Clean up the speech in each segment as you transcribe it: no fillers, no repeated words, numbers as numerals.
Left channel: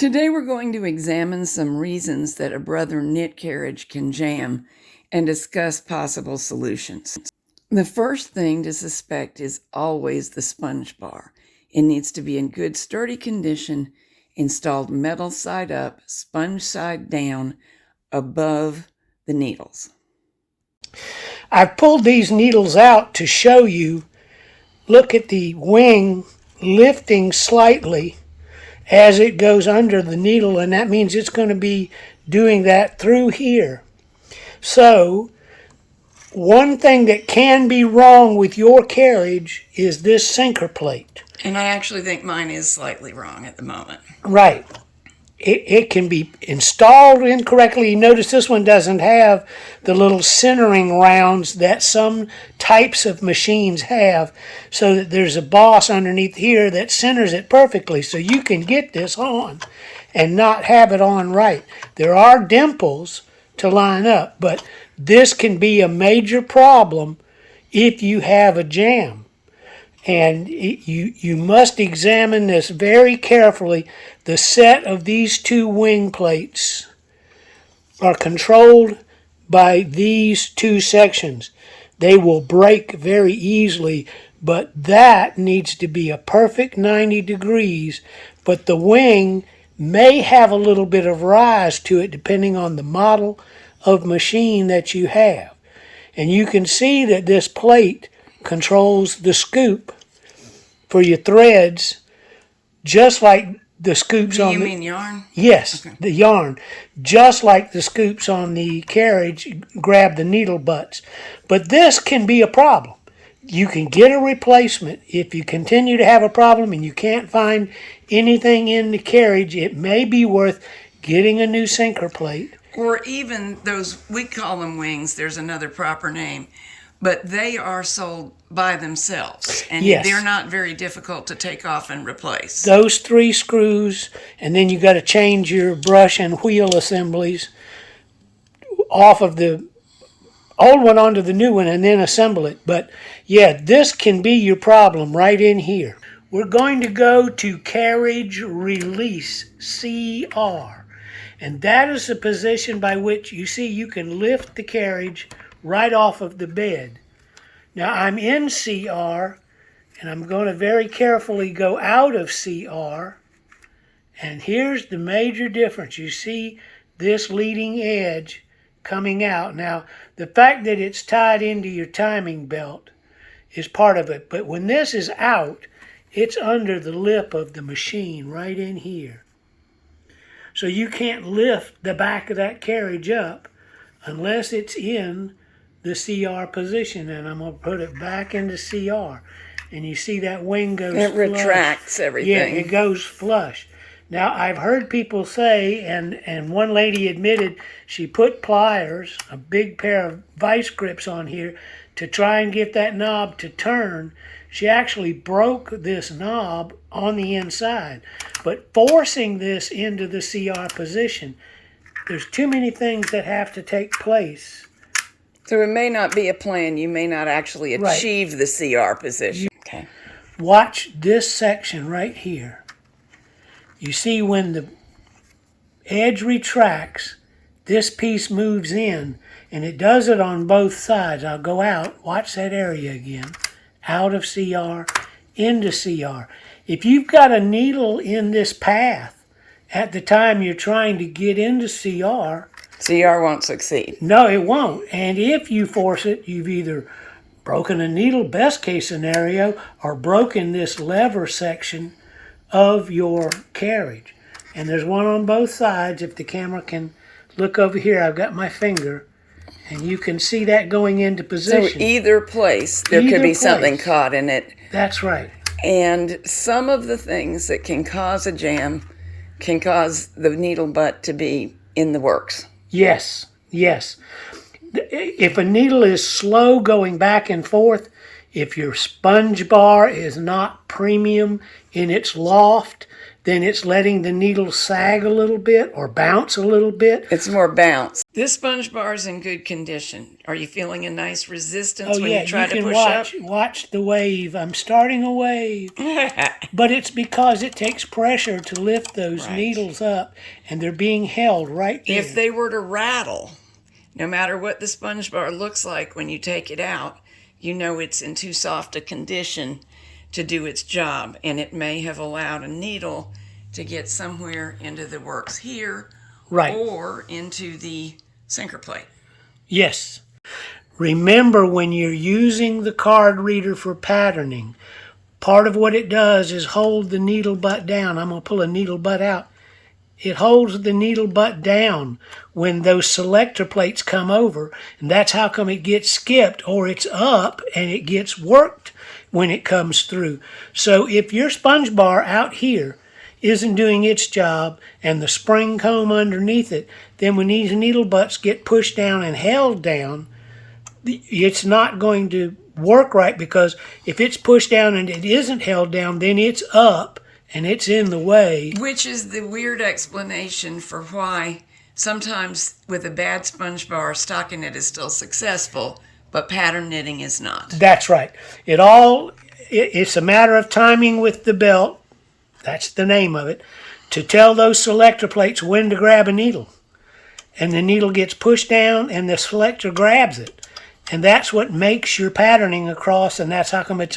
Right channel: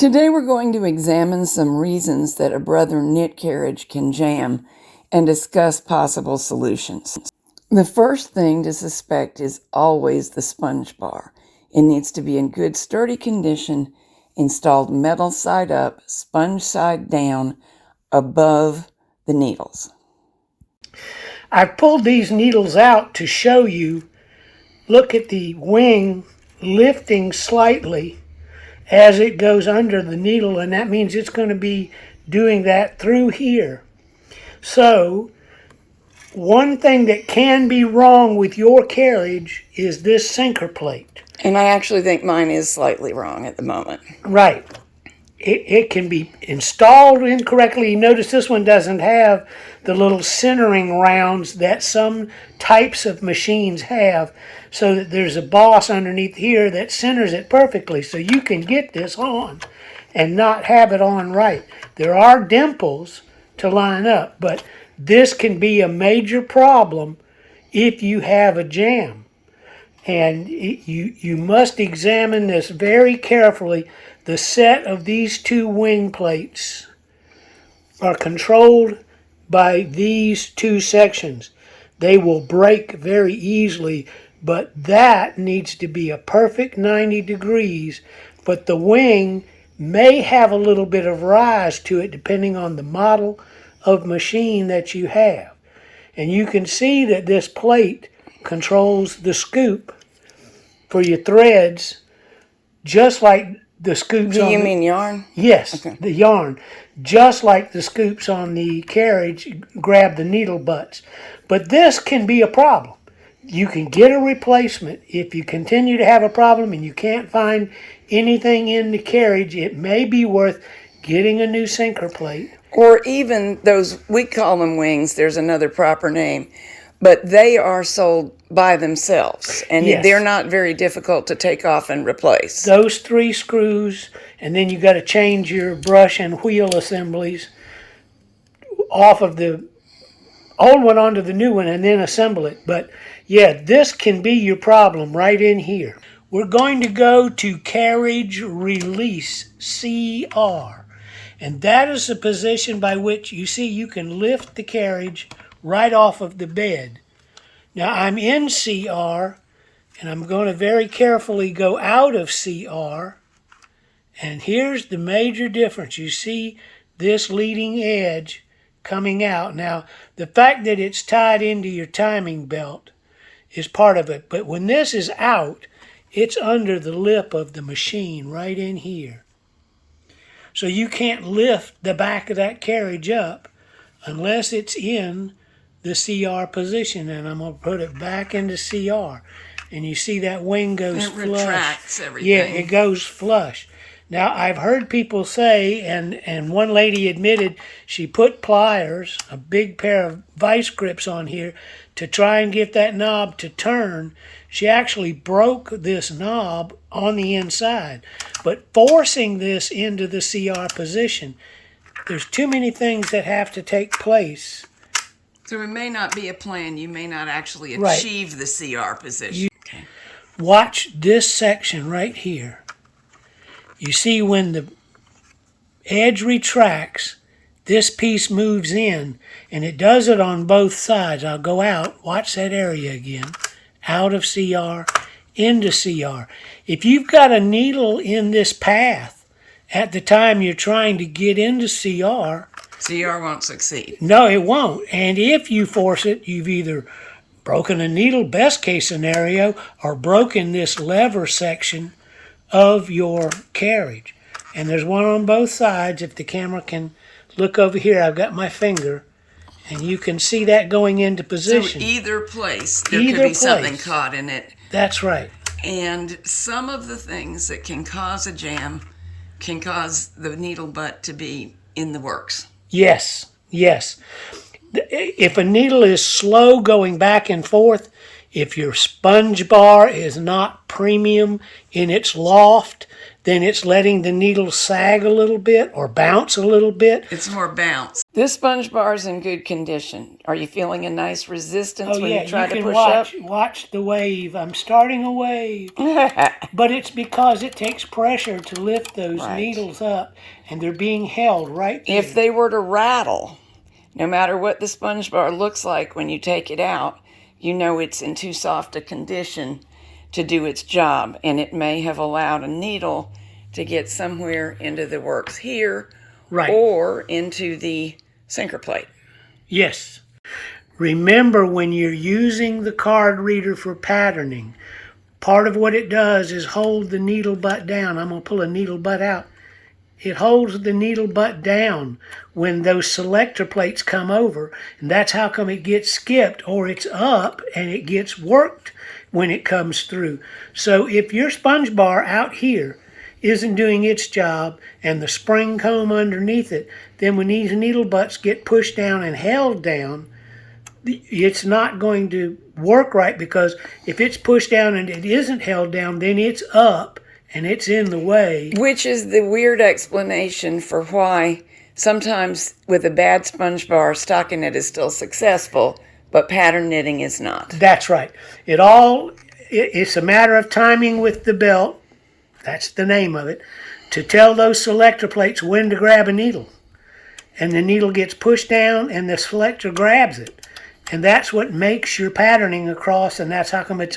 Today we're going to examine some reasons that a brother knit carriage can jam and discuss possible solutions. The first thing to suspect is always the sponge bar. It needs to be in good sturdy condition, installed metal side up, sponge side down, above the needles. I've pulled these needles out to show you. Look at the wing lifting slightly as it goes under the needle, and that means it's going to be doing that through here. So one thing that can be wrong with your carriage is this sinker plate. And I actually think mine is slightly wrong at the moment. Right. It can be installed incorrectly. You notice this one doesn't have the little centering rounds that some types of machines have, so that there's a boss underneath here that centers it perfectly, so you can get this on and not have it on right. There are dimples to line up, but this can be a major problem if you have a jam. And you must examine this very carefully. The set of these two wing plates are controlled by these two sections. They will break very easily, but that needs to be a perfect 90 degrees. But the wing may have a little bit of rise to it depending on the model of machine that you have. And you can see that this plate controls the scoop for your threads, just like the scoops on. Do you mean yarn? Yes, okay. The yarn. Just like the scoops on the carriage grab the needle butts. But this can be a problem. You can get a replacement. If you continue to have a problem and you can't find anything in the carriage, it may be worth getting a new sinker plate. Or even those, we call them wings, there's another proper name, but they are sold by themselves, and Yes. They're not very difficult to take off and replace. Those 3 screws, and then you got to change your brush and wheel assemblies off of the old one onto the new one and then assemble it. But yeah, this can be your problem right in here. We're going to go to Carriage Release, CR. And that is the position by which you see you can lift the carriage right off of the bed. Now I'm in CR, and I'm going to very carefully go out of CR. And here's the major difference. You see this leading edge coming out. Now, the fact that it's tied into your timing belt is part of it. But when this is out, it's under the lip of the machine right in here. So you can't lift the back of that carriage up unless it's in the CR position. And I'm going to put it back into CR. And you see that wing goes It flush. retracts everything. Yeah, it goes flush. Now, I've heard people say, and one lady admitted she put pliers, a big pair of vice grips on here, to try and get that knob to turn. She actually broke this knob on the inside. But forcing this into the CR position, there's too many things that have to take place. So it may not be a plan. You may not actually achieve the CR position. Okay. Watch this section right here. You see when the edge retracts, this piece moves in, and it does it on both sides. I'll go out, watch that area again, out of CR, into CR. If you've got a needle in this path at the time you're trying to get into CR, CR won't succeed. No, it won't. And if you force it, you've either broken a needle, best case scenario, or broken this lever section of your carriage. And there's one on both sides. If the camera can look over here, I've got my finger, and you can see that going into position. So either place, there could be something caught in it. That's right. And some of the things that can cause a jam can cause the needle butt to be in the works. Yes, yes. If a needle is slow going back and forth, if your sponge bar is not premium in its loft, then it's letting the needle sag a little bit or bounce a little bit. It's more bounce. This sponge bar is in good condition. Are you feeling a nice resistance when you try to push up? Watch the wave. I'm starting a wave. But it's because it takes pressure to lift those needles up, and they're being held right there. If they were to rattle, no matter what the sponge bar looks like when you take it out, you know it's in too soft a condition to do its job, and it may have allowed a needle to get somewhere into the works here or into the sinker plate. Yes. Remember, when you're using the card reader for patterning, part of what it does is hold the needle butt down. I'm going to pull a needle butt out. It holds the needle butt down when those selector plates come over, and that's how come it gets skipped, or it's up and it gets worked when it comes through. So if your sponge bar out here isn't doing its job and the spring comb underneath it, then when these needle butts get pushed down and held down, it's not going to work right, because if it's pushed down and it isn't held down, then it's up and it's in the way. Which is the weird explanation for why sometimes with a bad sponge bar, stockinette is still successful, but pattern knitting is not. That's right. It's a matter of timing with the belt. That's the name of it. To tell those selector plates when to grab a needle. And the needle gets pushed down and the selector grabs it. And that's what makes your patterning across, and that's how come it's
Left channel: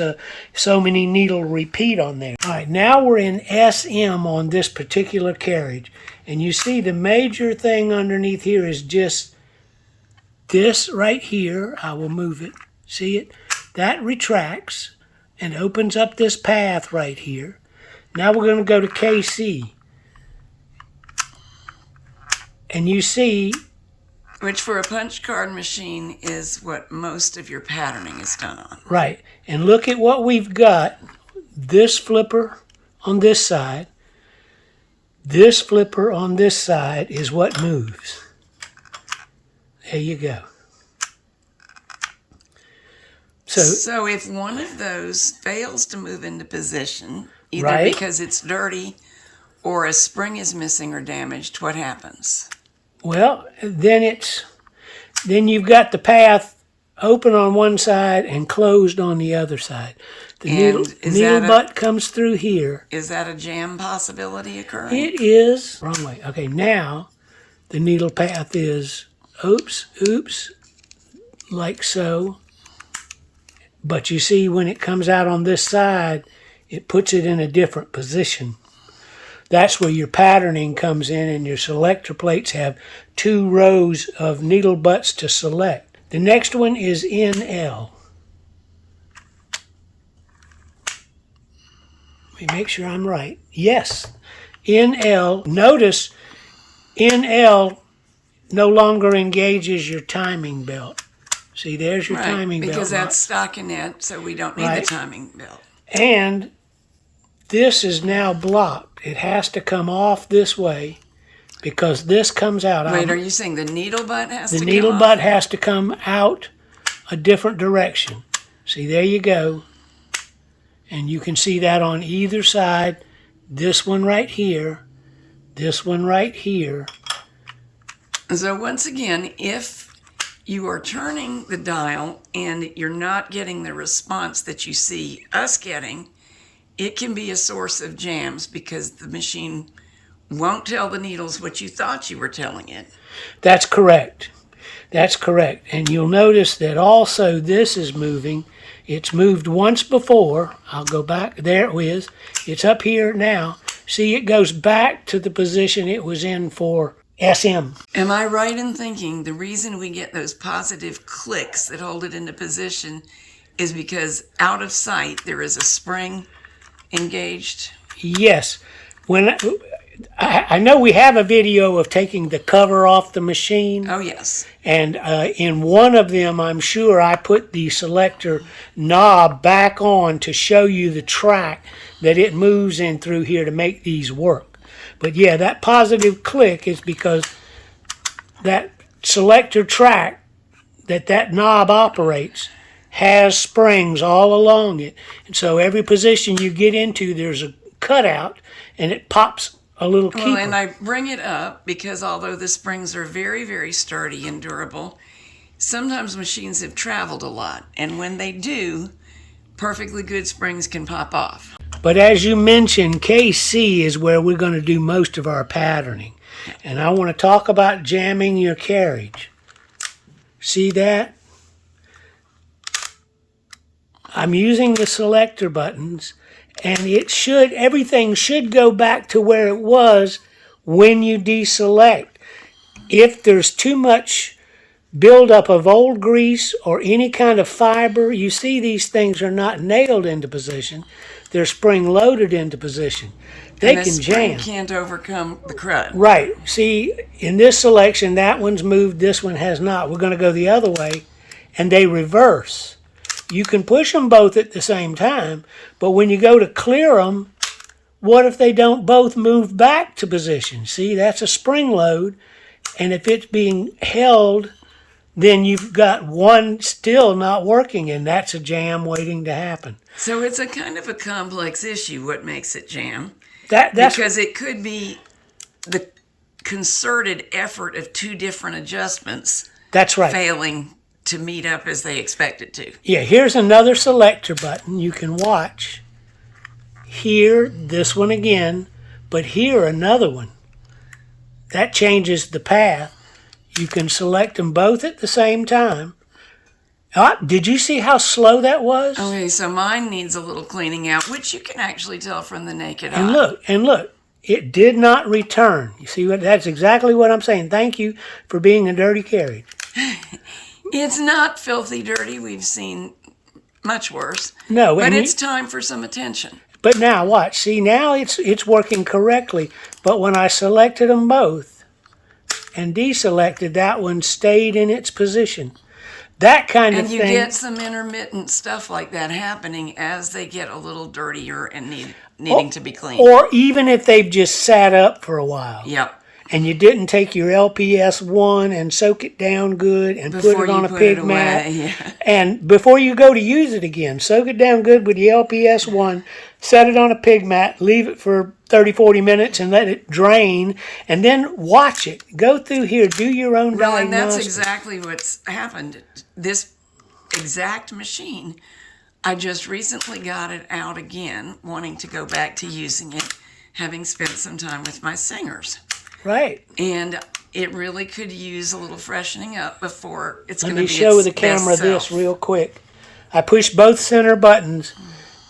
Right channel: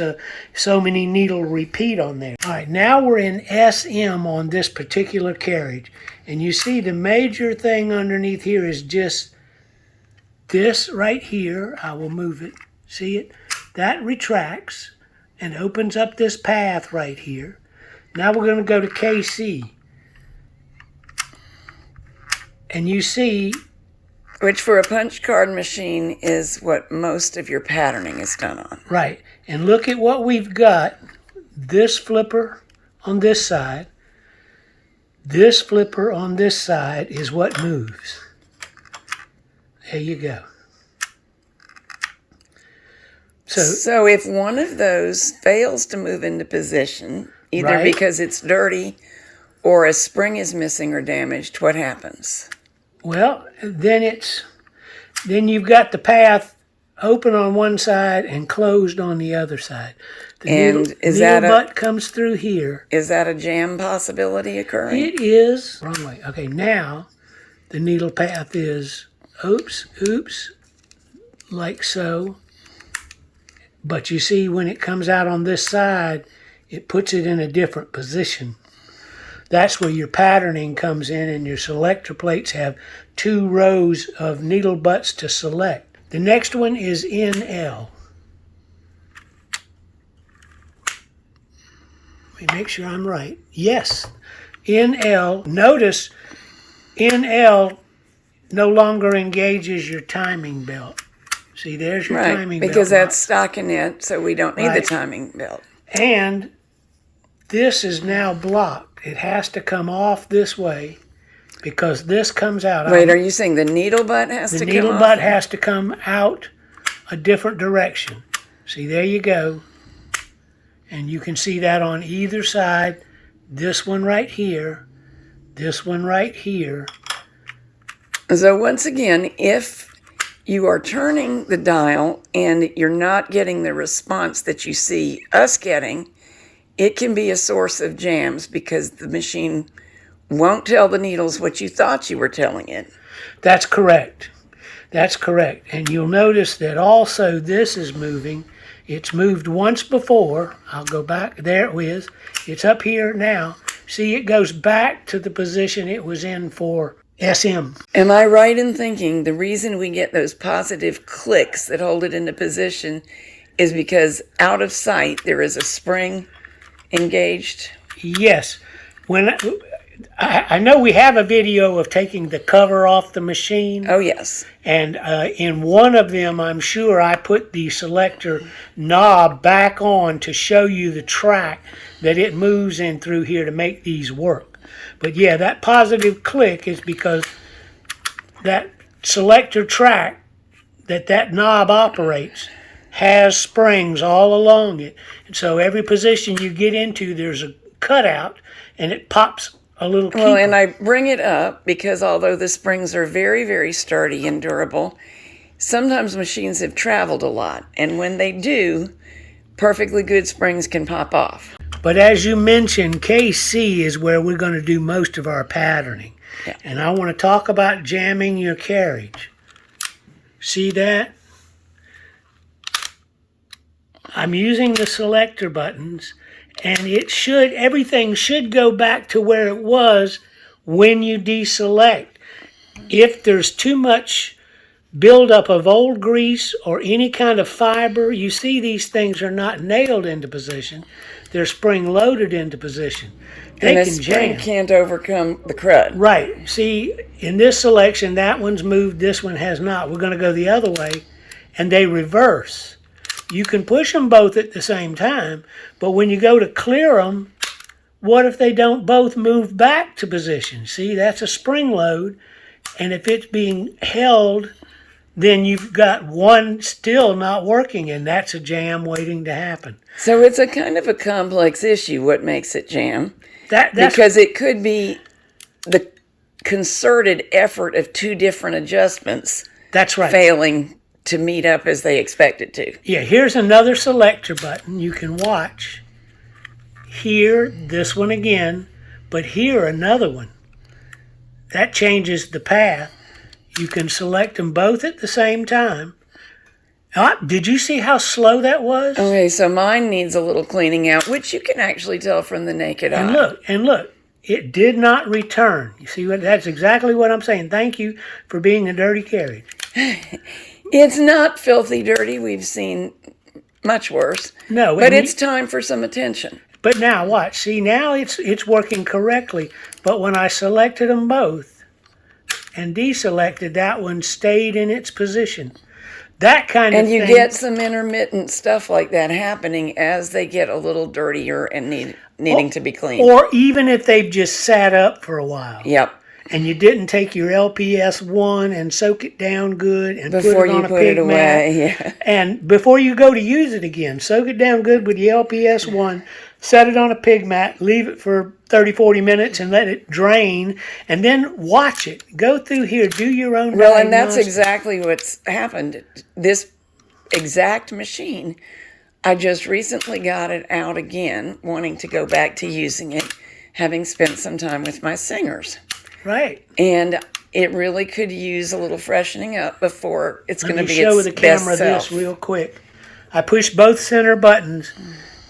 so many needle repeat on there. All right, now we're in SM on this particular carriage. And you see the major thing underneath here is just this right here. I will move it. See it? That retracts and opens up this path right here. Now we're going to go to KC. And you see... Which for a punch card machine is what most of your patterning is done on. Right. And look at what we've got. This flipper on this side. This flipper on this side is what moves. There you go. So if one of those fails to move into position, either because it's dirty or a spring is missing or damaged, what happens? Well, then you've got the path open on one side and closed on the other side. The needle butt comes through here. Is that a jam possibility occurring? It is. Wrong way. Okay, now the needle path is oops, like so. But you see, when it comes out on this side, it puts it in a different position. That's where your patterning comes in, and your selector plates have 2 rows of needle butts to select. The next one is NL. Let me make sure I'm right. Yes, NL. Notice NL no longer engages your timing belt. See, there's your timing belt. Because that's stockinette, so we don't need the timing belt. And this is now blocked. It has to come off this way because this comes out. Wait, are you saying the needle butt has to come off? The needle butt has to come out a different direction. See, there you go. And you can see that on either side. This one right here. This one right here. So once again, if you are turning the dial and you're not getting the response that you see us getting, it can be a source of jams because the machine won't tell the needles what you thought you were telling it. That's correct. That's correct. And you'll notice that also this is moving. It's moved once before. I'll go back. There it is. It's up here now. See, it goes back to the position it was in for SM. Am I right in thinking the reason we get those positive clicks that hold it into position is because out of sight there is a spring engaged? Yes. When I know we have a video of taking the cover off the machine. Oh, yes. And in one of them, I'm sure I put the selector knob back on to show you the track that it moves in through here to make these work. But yeah, that positive click is because that selector track that knob operates has springs all along it. And so every position you get into, there's a cutout, and it pops a little keeper. Well, and I bring it up because although the springs are very, very sturdy and durable, sometimes machines have traveled a lot. And when they do, perfectly good springs can pop off. But as you mentioned, KC is where we're going to do most of our patterning. Yeah. And I want to talk about jamming your carriage. See that? I'm using the selector buttons, and everything should go back to where it was when you deselect. If there's too much buildup of old grease or any kind of fiber, you see these things are not nailed into position. They're spring loaded into position. They and can spring jam. can't overcome the crud. Right. See, in this selection, that one's moved, this one has not. We're going to go the other way, and they reverse. You can push them both at the same time, but when you go to clear them, what if they don't both move back to position? See, that's a spring load, and if it's being held, then you've got one still not working, and that's a jam waiting to happen. So it's a kind of a complex issue, what makes it jam. That's because it could be the concerted effort of two different adjustments that's right. failing to meet up as they expect it to. Yeah, here's another selector button you can watch. Here, this one again, but here another one. That changes the path. You can select them both at the same time. Did you see how slow that was? Okay, so mine needs a little cleaning out, which you can actually tell from the naked eye. And look, it did not return. You see, that's exactly what I'm saying. Thank you for being a dirty carriage. It's not filthy dirty. We've seen much worse. No, but it's time for some attention. But now watch. See, now it's working correctly. But when I selected them both and deselected, that one stayed in its position. That kind of thing. And you get some intermittent stuff like that happening as they get a little dirtier and needing to be cleaned. Or even if they've just sat up for a while. Yep. And you didn't take your LPS 1 and soak it down good and before put it on you a put pig it away, mat. yeah. And before you go to use it again, soak it down good with your LPS 1, set it on a pig mat, leave it for 30, 40 minutes and let it drain, and then watch it. Go through here, do your own Well, and that's diagnostics. exactly what's happened. This exact machine, I just recently got it out again, wanting to go back to using it, having spent some time with my singers. Right. And it really could use a little freshening up before it's going to be its Let me show the best camera self. this real quick. I pushed both center buttons.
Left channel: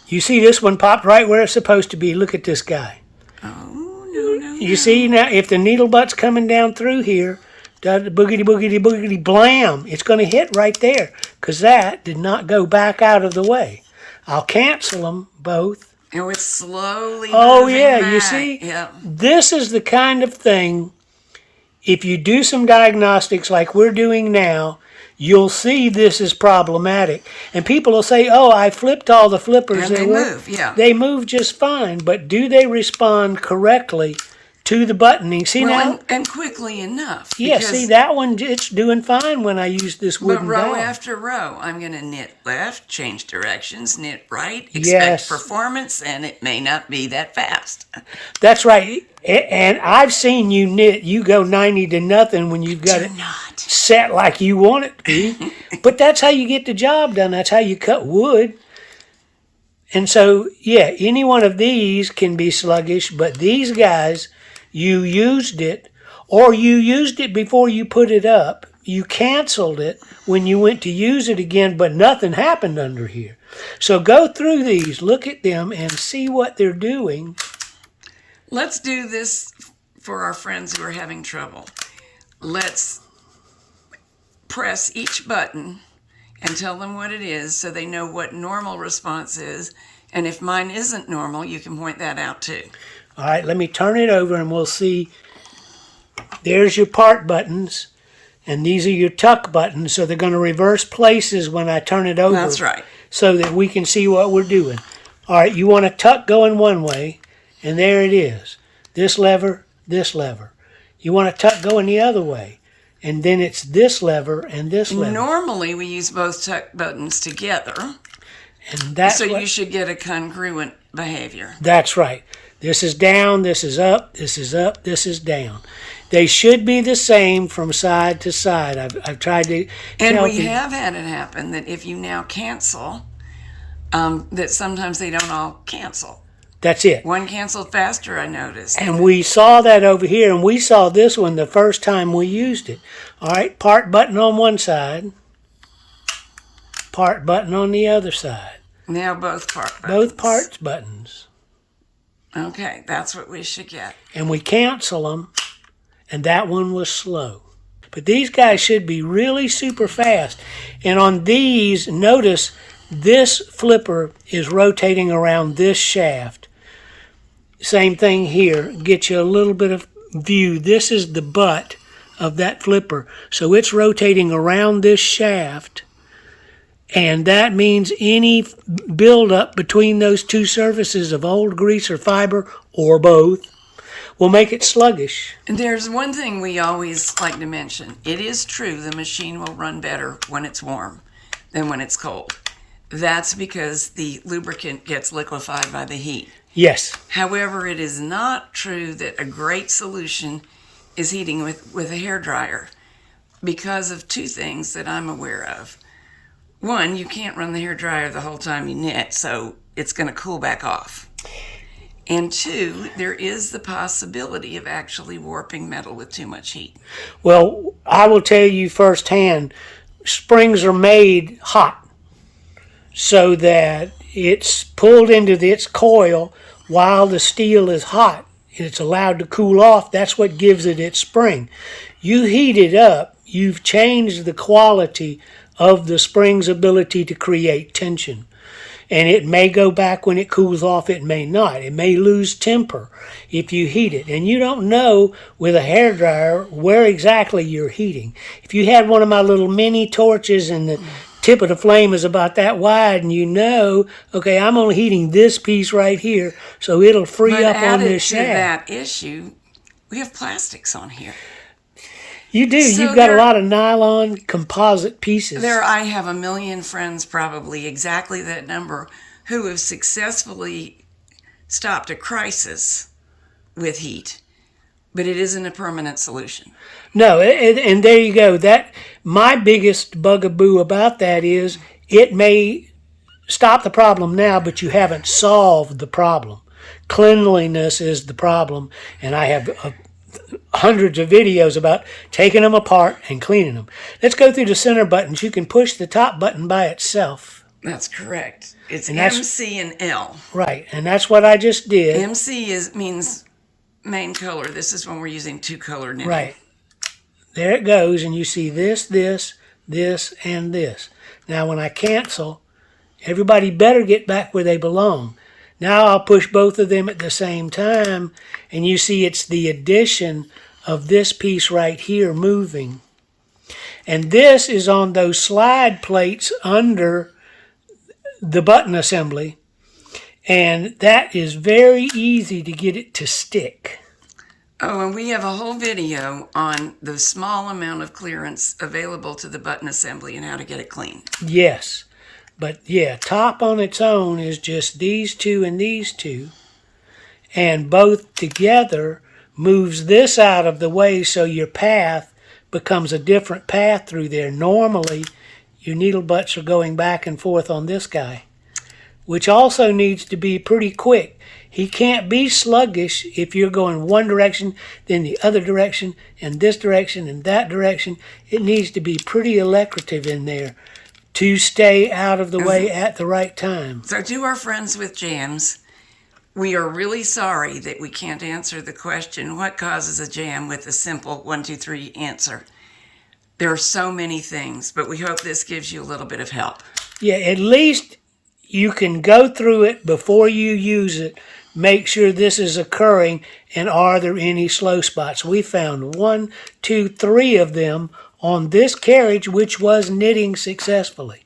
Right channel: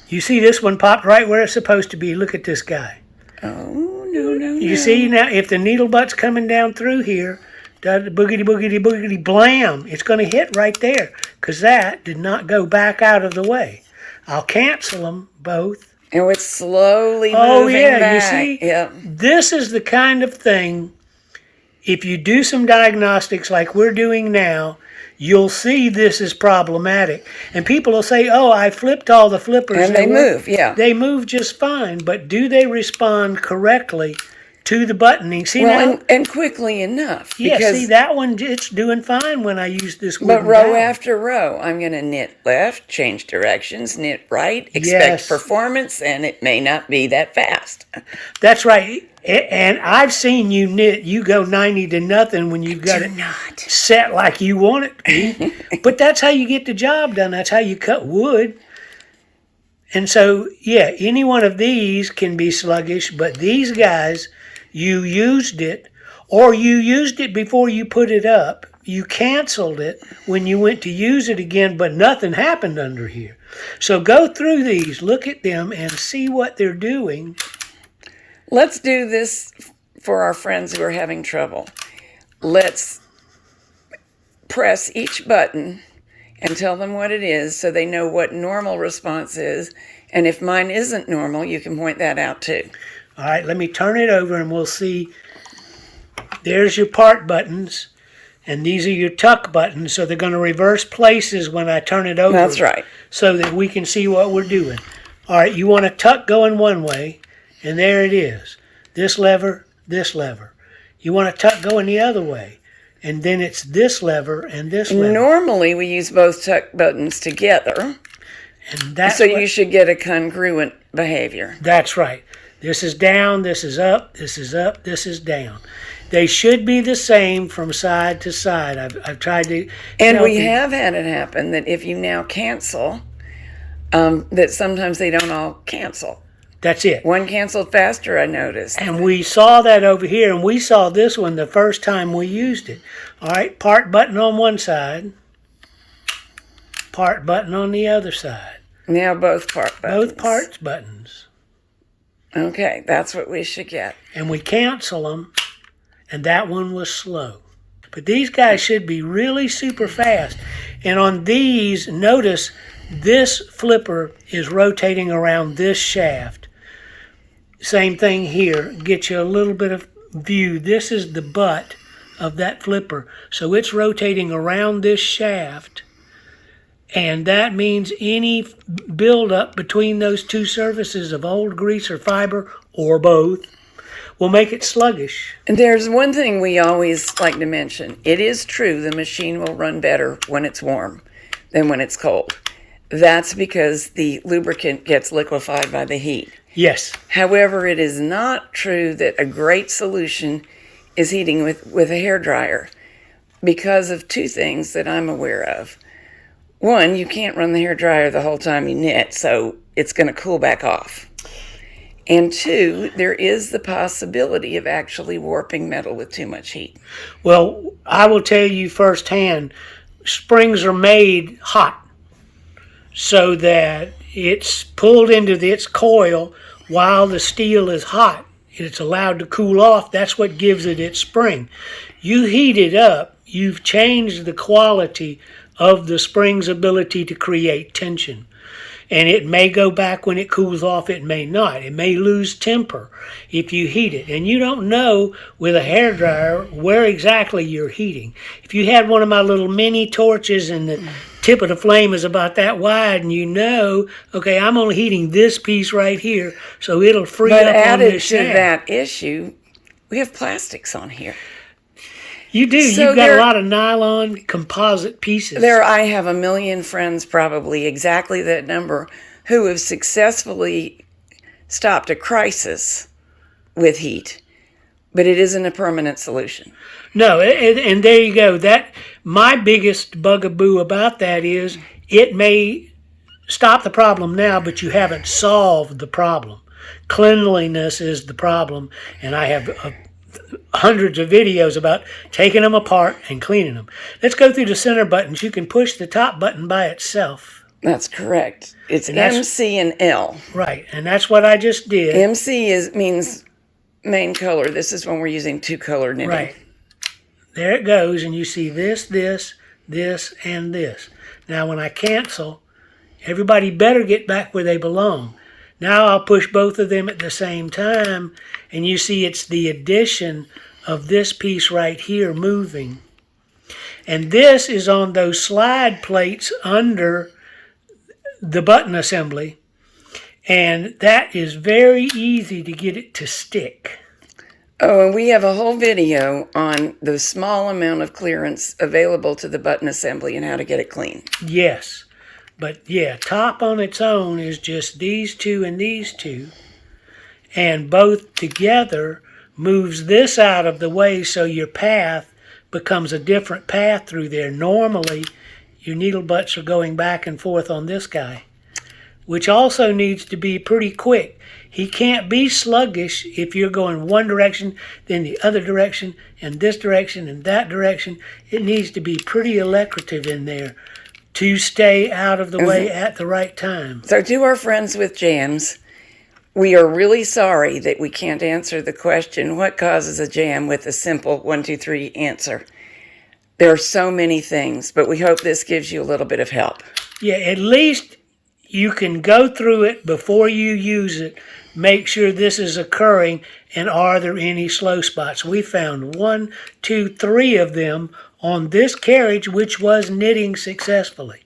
You see this one popped right where it's supposed to be. Look at this guy. Oh, no. You see now, if the needle butt's coming down through here, boogity, boogity, boogity, blam, it's going to hit right there because that did not go back out of the way. I'll cancel them both. And it's slowly moving back. You see? Yeah. This is the kind of thing, if you do some diagnostics like we're doing now, you'll see this is problematic. And people will say, oh, I flipped all the flippers. And they move, yeah. They move just fine, but do they respond correctly to the buttoning? See, well, now, and quickly enough. yeah, Because, see, that one, it's doing fine when I use this but wooden row dowel. after row, I'm going to knit left, change directions, knit right, expect Yes. performance, and it may not be that fast. That's right. And I've seen you knit. You go 90 to nothing when you've got Do it not. set like you want it to be. But that's how you get the job done. That's how you cut wood. And so, yeah, any one of these can be sluggish, but these guys, you used it, or you used it before you put it up. You canceled it when you went to use it again, but nothing happened under here. So go through these, look at them, and see what they're doing. Let's do this for our friends who are having trouble. Let's press each button and tell them what it is so they know what normal response is. And if mine isn't normal, you can point that out too. All right, let me turn it over and we'll see. There's your part buttons, and these are your tuck buttons, so they're going to reverse places when I turn it over. That's right. So that we can see what we're doing. All right, you want a tuck going one way, and there it is. This lever, this lever. You want a tuck going the other way, and then it's this lever and this lever. Normally, we use both tuck buttons together, And that's so what- you should get a congruent behavior. That's right. This is down, this is up, this is up, this is down. They should be the same from side to side. I've tried to... And we have had it happen that if you now cancel, that sometimes they don't all cancel. That's it. One canceled faster, I noticed. And we saw that over here, and we saw this one the first time we used it. All right, part button on one side, part button on the other side. Now both part buttons. Both parts buttons. Okay, that's what we should get. And we cancel them, and that one was slow. But these guys should be really super fast. And on these, notice this flipper is rotating around this shaft. Same thing here. Get you a little bit of view. This is the butt of that flipper. So it's rotating around this shaft. And that means any buildup between those two surfaces of old grease or fiber, or both, will make it sluggish. And there's one thing we always like to mention. It is true the machine will run better when it's warm than when it's cold. That's because the lubricant gets liquefied by the heat. Yes. However, it is not true that a great solution is heating with a hairdryer because of two things that I'm aware of. One, you can't run the hairdryer the whole time you knit, so it's going to cool back off. And two, there is the possibility of actually warping metal with too much heat. Well, I will tell you firsthand, springs are made hot so that it's pulled into its coil while the steel is hot and it's allowed to cool off. That's what gives it its spring. You heat it up, you've changed the quality of the spring's ability to create tension. And it may go back when it cools off, it may not. It may lose temper if you heat it. And you don't know with a hairdryer where exactly you're heating. If you had one of my little mini torches and the tip of the flame is about that wide and you know, okay, I'm only heating this piece right here, so it'll free up on this shaft. But added to that issue, we have plastics on here. You do. So you've got a lot of nylon composite pieces. I have a million friends, probably exactly that number, who have successfully stopped a crisis with heat, but it isn't a permanent solution. No, and there you go. That my biggest bugaboo about that is it may stop the problem now, but you haven't solved the problem. Cleanliness is the problem, and I have hundreds of videos about taking them apart and cleaning them. Let's go through the center buttons. You can push the top button by itself. That's correct. It's MC and L. Right, and that's what I just did. MC means main color. This is when we're using two-color knitting. Right. There it goes, and you see this, this, this, and this. Now, when I cancel, everybody better get back where they belong. Now I'll push both of them at the same time, and you see it's the addition of this piece right here moving. And this is on those slide plates under the button assembly, and that is very easy to get it to stick. Oh, and we have a whole video on the small amount of clearance available to the button assembly and how to get it clean. Yes. But yeah, top on its own is just these two and these two. And both together moves this out of the way so your path becomes a different path through there. Normally, your needle butts are going back and forth on this guy, which also needs to be pretty quick. He can't be sluggish if you're going one direction, then the other direction, and this direction, and that direction. It needs to be pretty electric in there to stay out of the way at the right time. So to our friends with jams, we are really sorry that we can't answer the question, what causes a jam, with a simple 1, 2, 3 answer. There are so many things, but we hope this gives you a little bit of help. Yeah, at least you can go through it before you use it, make sure this is occurring, and are there any slow spots. We found 1, 2, 3 of them on this carriage, which was knitting successfully.